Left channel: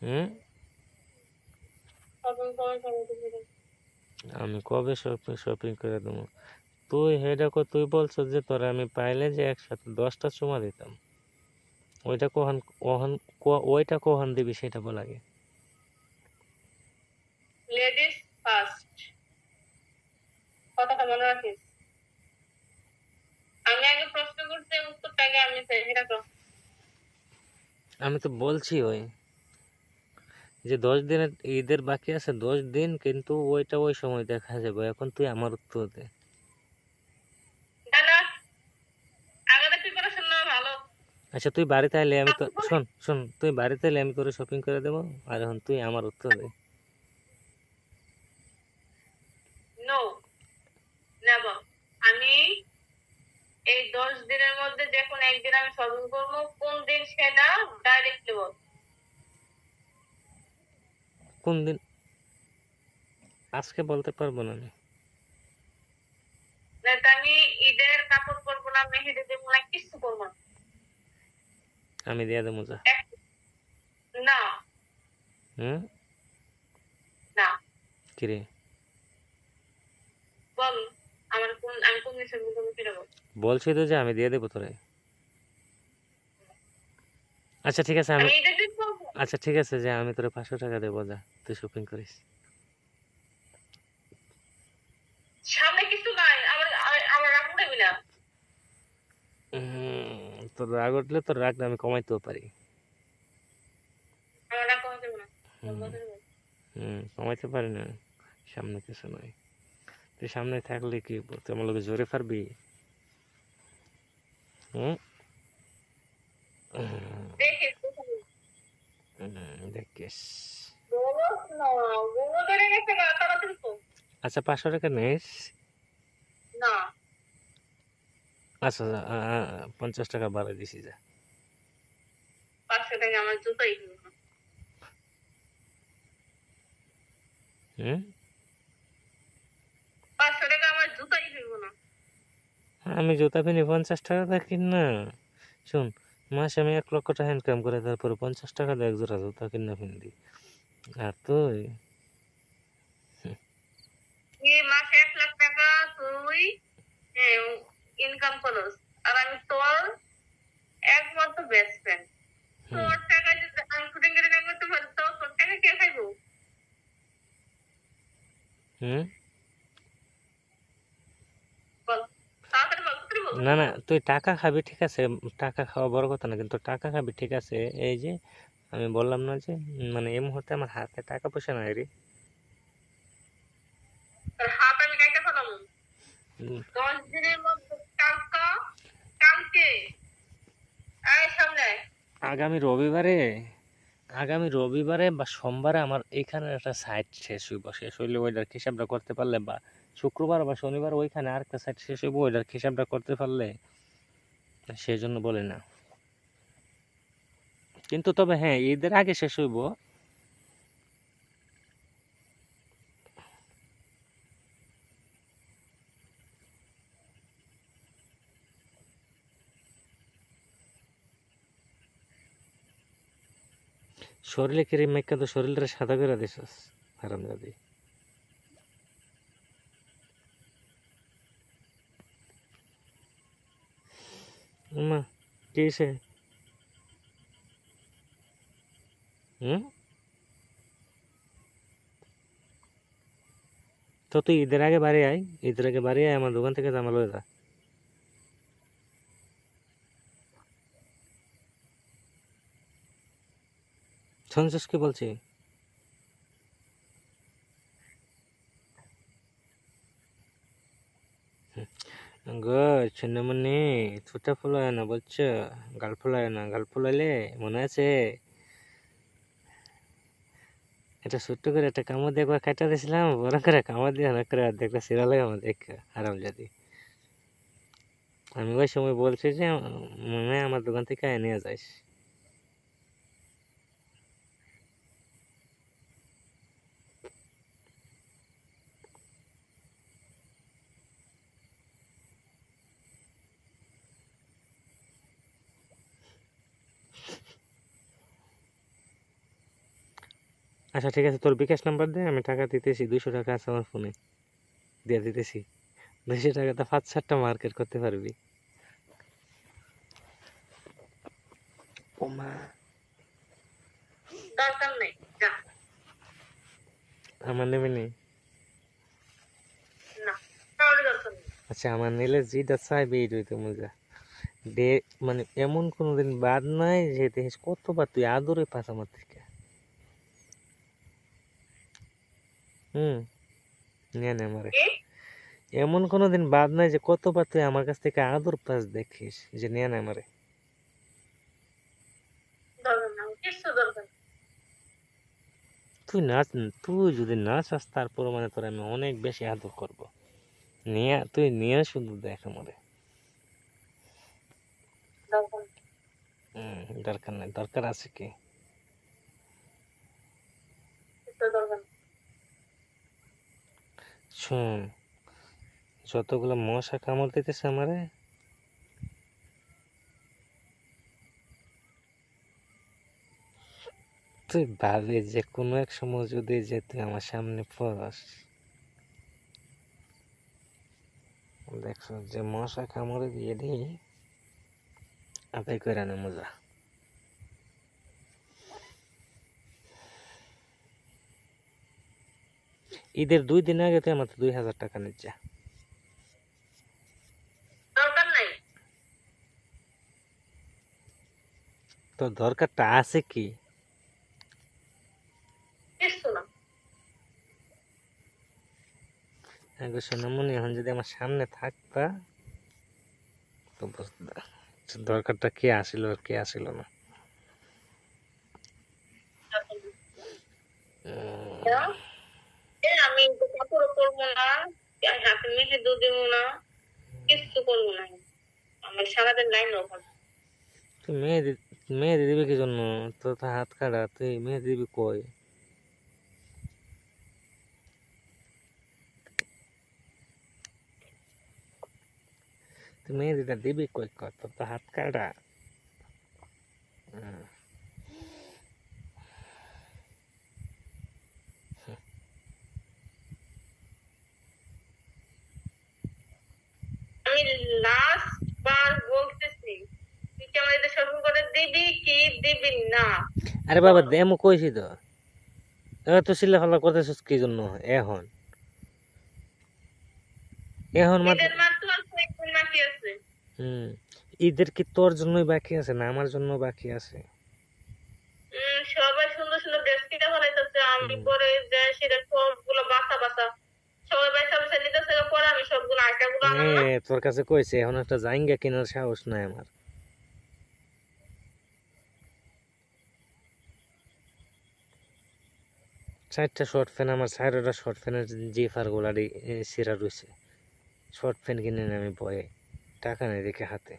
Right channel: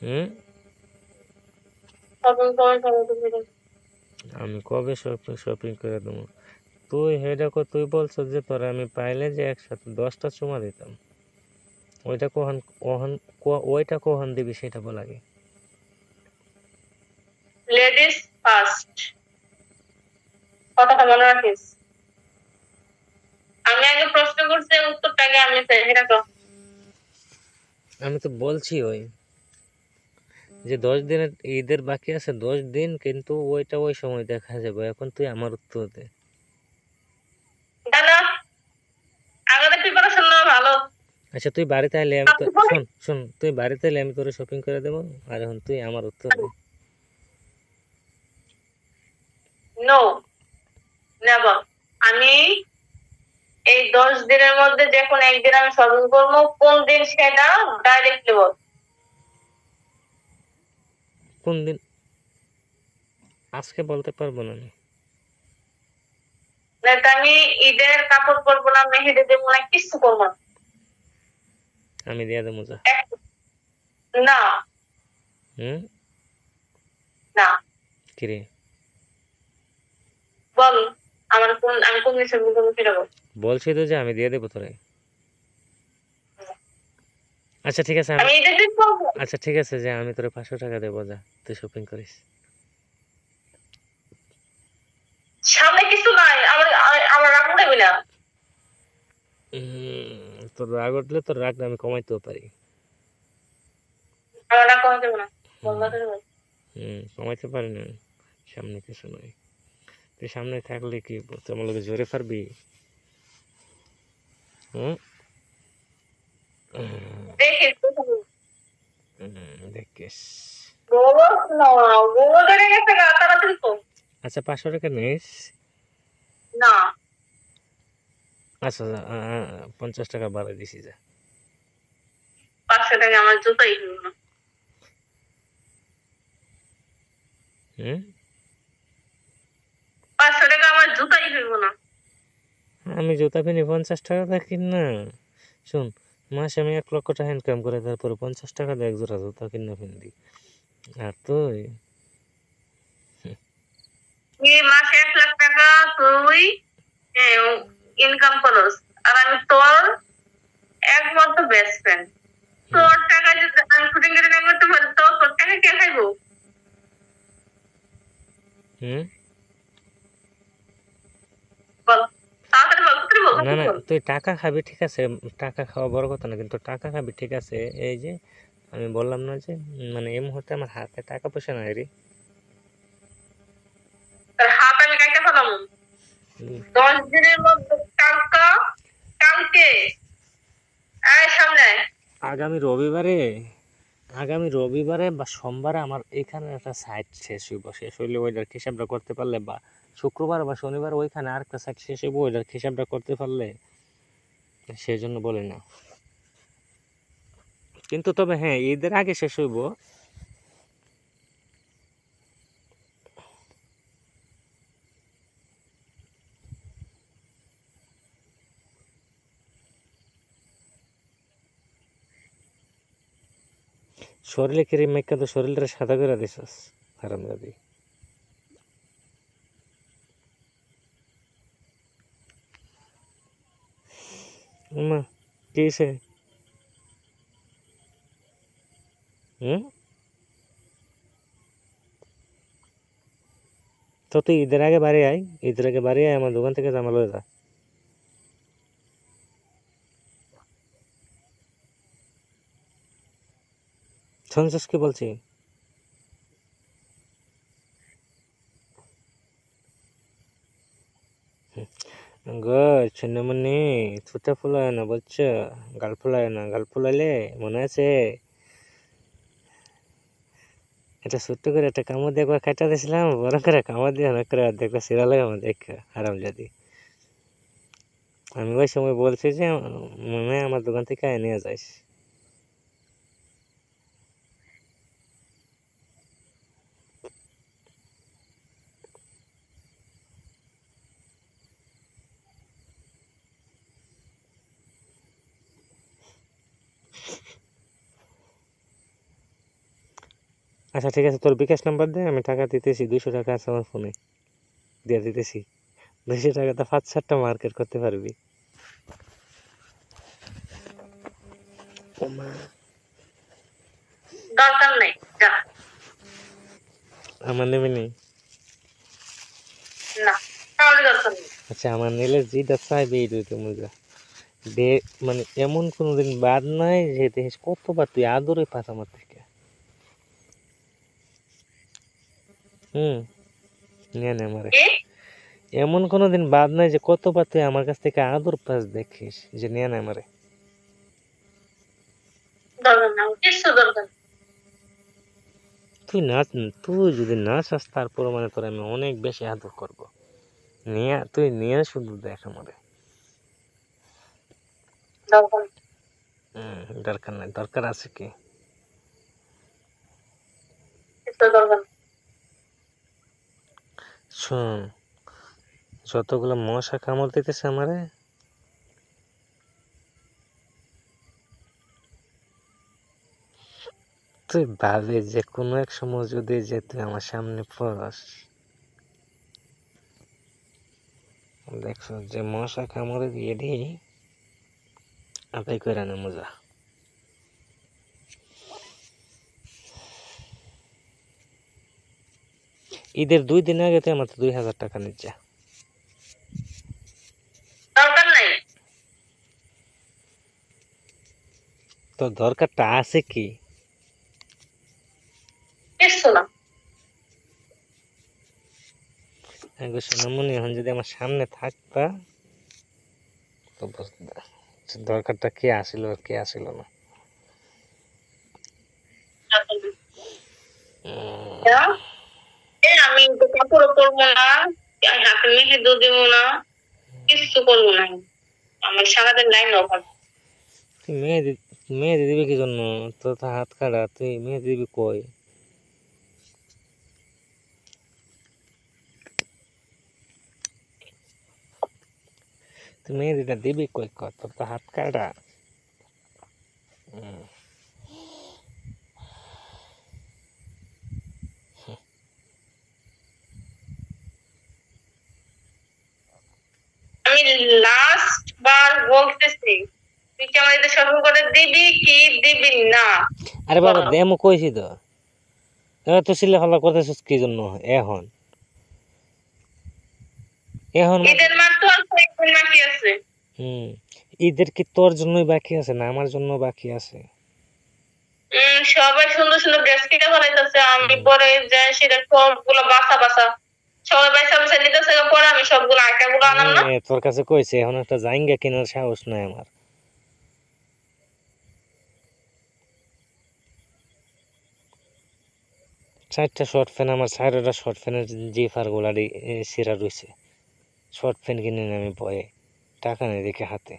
হুম? আমি কবে শপিং করে দেবো? তুই তুই বলছো যে তোরা আমি পাইলে যে একসাথে 10টা চুমা দিতাম। ওইটা ওইটা কখন দিবি সেটা বল আগে। লেডিস ফার্স্ট, কথাটা মনে রাখিস। আমি আগে প্রশ্ন করছি, উত্তরটা আগে আমি চাই, সেটা তো। আমি তো বলছি ওই যে 10 দিনের ঈদের বাকি আছে, 10 দিন, কিন্তু ওইটা ওই সময় দেখা যাবে। এখন তুই আমার উত্তর দে। কেন? আগে প্রিপারেশন নেওয়া ভালো। আচ্ছা তুই বাড়িতে আইলে আমি তো শোন শোন, তুই বাড়িতে এলে আমি তোরে শপিং করে দেবো। আর এখন তুই আমার উত্তর দে। No, never. আমি এই 10 দিনের মধ্যে যে কোনো একদিন আমি শপিং করবো, কোন দিন সেটা ডাইরেক্টলি বল। কোন দিন? আজকে বলতে পারবো না আমি। লাইক আমি ঈদের কাপড় পরবো না, মেহেদি দেবো না, কিছু করবো না। আমি দিয়ে দেবো যা। না হুম? না, কিরে? বল। আমি কোন দিন শপিং করবো সেটা বল। বলছি তো যে আমি দিয়ে দেবো তোরে। আচ্ছা ঠিক আছে আমি ঈদের দিন করবো। আচ্ছা ঠিক আছে যে আমি তোরে 500 টাকা দেবো, যা তুই শপিং করিস। সামনে কিছু নাই, আমার রাগ উঠাবি না। তোর রাগ উঠলে তোর রাগটা আমি কমাইতেও পারি। আমার রাগ কমাতে দেবো না, হুম। বন্ধ করে বল। কমাইতে পারি না। সামনে কিছু নয়। তুই সামনে থাকলে কি তুই আমার লোকে জোরে পারবি? হুম? দেখিস দেখিস। বলস না, বলে ধরে গেছে গা, তাড়াতাড়ি কর। আচ্ছা 500 টাকা নিস। না, আচ্ছা 50 টাকা বাড়াই দিছি যা। 500 টাকা আমার জুতাই কিনবো না। হুম? 500 টাকা আমার জুতাই কিনবো না। আমি জুতা কিনি 50 টাকা দিয়ে কিন না। শোন, মাসে আমি 1 লক্ষ টাকা ইনকাম করে তারপরে 50 টাকা দিয়ে এক জোড়া জুতা কিনে ফিরি। আর তুই এই মাসে 1 লাখ টাকা তুই ইনকাম করস, আর আমি তোর একমাত্র বেস্ট ফ্রেন্ড। হুম, তোর টাকা যদি আমি শুটিং করে না করতে পারি, তো তোর টাকা কে খাইবো? হুম, বল, তাড়াতাড়ি বল, তাড়াতাড়ি বল, না তাড়াতাড়ি না, বল। তুই টাকা খাবি ঠিক আছে। টাকা খাওয়া বড় কথা না, কিন্তু টাকা খাবি ঠিক আছে। এই যে আমি বললাম না যে মানে এই মুহূর্তে আমার হাতে টাকা পয়সা নাই রে। তোর হাত আমি কাইটা ফেলাম। উম, 10 দিনের মধ্যে কালকে সামনে আয়। আগামী রবিবারে আগামী রবিবারে বা সোমবারে আমার এখানে একটা সাইট শেষ হইব। শেষ হইলে ওইটার হিসাবটা করতে পারলে, বা শুক্রবার বা শনিবার ওইখানে আরেকটা সাইট শেষ হইব, ওইটার হিসাবটা করতে পারলে সেই জন্য বলি না। কিন্তু তবে হ্যাঁ, ঈদের আগে শেষ হইব। শরীরে ক্রিম মেখে তো শরীরটা সাদা করে দিছস, হারামজাদি। মা, কি হইছে? হুম? তো তুই ঈদের আগে বাড়ি আয়, ঈদের আগে বাড়ি আয়, আমার দোকান থেকে জামা লয়ে যা। শুনছিস কি বলছি? গো ছিন্নমণি, ছুটা ফুলায় না বুঝছো? গাল ফুলায় না, গাল ফুলাইলে মনে আছে এটা ছোট্ট করে একটা কামড় দিয়ে একবার খাইটা দিয়েছিলাম, বড় করে কামড় দিয়ে অনেক করে অর্ধেকটা সিরা লাগে আমার দেখা হারামজাদি। আমি ওই সময় বলছি যে মনে হয় আমার দোকান থেকে নিয়ে যাইস। আচ্ছা ঠিক আছে, তোর বিকাশ নাম্বার দে, আমি টাকা দিতেছি, 200 টাকা আছে আমার ফোনে, দিয়ে দিতেছি। 200 টাকাতে 5-7টা মার্কেট করতে পারবি। ও মা, দরকার নেই, যা। আমার নেবে নেই। না, তাহলে দরকার নেই। আচ্ছা আমার নিলে যেটা চাইবে এইটাই তো মজা। দে, মানে এমন কোনোদিন বাদ নাই যে দেখিস কতবার তুই আদরে পাস আমার থেকে। নিয়ে নে আমারে। কি? এমন কোনোদিন বাদ নাই যে কতবার তুই আমার কাছ থেকে আদর পাস দেখিস, যে নিয়ে নে আমারে। দরকার না, কিছু দরকার নেই। তুই নাচ, তুই যদি না চাস তারপর মানে তোর আমি অনেক বেশি আদর করবো। নিয়ে তুই নিয়ে শুধু দেখ আমারে। দরকার নেই, দরকার নাই, দরকার আছে কি? কিছু দরকার নেই। শোন, যতগুলো মশা কামড় দিতেছে আমারে, তুই ভাবি যে কোনো এক সময় যদি যে তুই আমার সামনে পড়স, দেখছো যে মশা কামড়ে দিয়ে দিই আদায় করে নে মজা। ঈদের 2 দিন আগে তুই আমার 2000 টাকা নিচ্ছে। দরকার নাই। তো দরকারটা আছে কি? কিছু না। আগে সোনামণি, এখন যদি আমার সামনে থাকতা তো বুঝতা দরকারটা কে আসিল আর কে আসিল না। দরকার নেই। উম, যা। আমি তো কাপড়ও পরবো না, হাতে মেহেদিও দিব না, কিছু করবো না। আমার সারাদিন লাইন অভাব। তুই মেহেদি, মেহেদি দিবি কি জন্য? তোর তো হাত কাটা, তুই মেহেদি দিবি কই? তুই মেহেদিটা দিবি কই কর, তোর তো হাত কাটা। উম, আমি লাস্ট বার বলতেছি, তুই কি আমার এটা সফল করে দিবি কি দিবি না? আরে বাবা বল। দেমো কইছি তো, এবার তো সিলে ফেলা করতেছিস কি জন্য এখন? এখন মাত্র, ঈদের মাত্র আর কয়েকদিন বাকি আছে। হুম, ঈদের কি তোর জন্যই বাকি আছে না আমার জন্য বাকি আছে? সবাই সুন্দর সুন্দর ড্রেস কিনে ফেলাইতেছে, আমি হুম, পরে যাই সেটা সবগুলো বাসা বাসা সবাই বাসা বাসা নিতেছে, পরে আমি সবগুলো আইটা গুলো আনাম না। তোর কাছে কইছে এখন একটা জাইঙ্গা কেনার সাহস নাই আমার। 4টা শর্ট ফ্যান, আমার 4টা শর্ট ফ্যানের জিফার গোলারি সিরা রয়েছে। শর্ট ফ্যান কিনে নি আমি ভয়ে, টাকা নেই দেখে হাতে।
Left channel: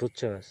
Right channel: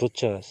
বুঝছস?